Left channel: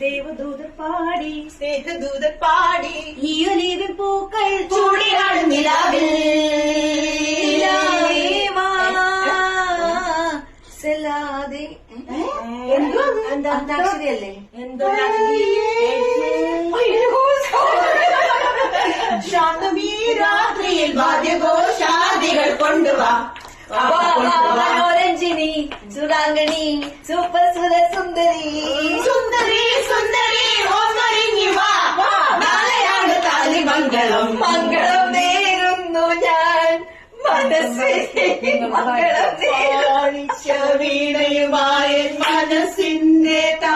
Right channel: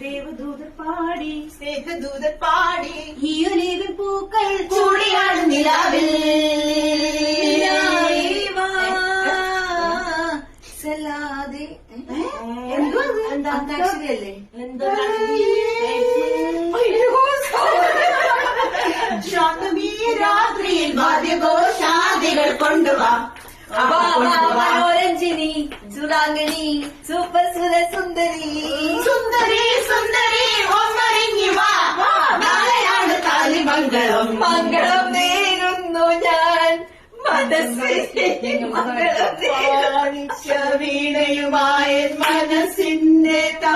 ദേവദൂതർ പാടി സ്നേഹദൂതർ പാടി ഈ ഒലിവിൻ പൂക്കൾ ചൂടിയാണ് നിലാവിൽ സലാദെ അന്താക്ഷരിയല്ലേ ശാന്തമീ രാത്രിയിൽ വാദ്യഘോഷാദികൾ കൊണ്ടുവാ രഞ്ജിനി സുരാംഗണി സൂപ്പർ സുര സുന്ദരി സുന്ദരി സുന്ദരി ഒന്നൊരുങ്ങി വാ നാളെയാണ് താലിമംഗളം മംഗളം നേരുന്നു ഞാൻ വീണയുമായ മനസ്സിന്റെ താ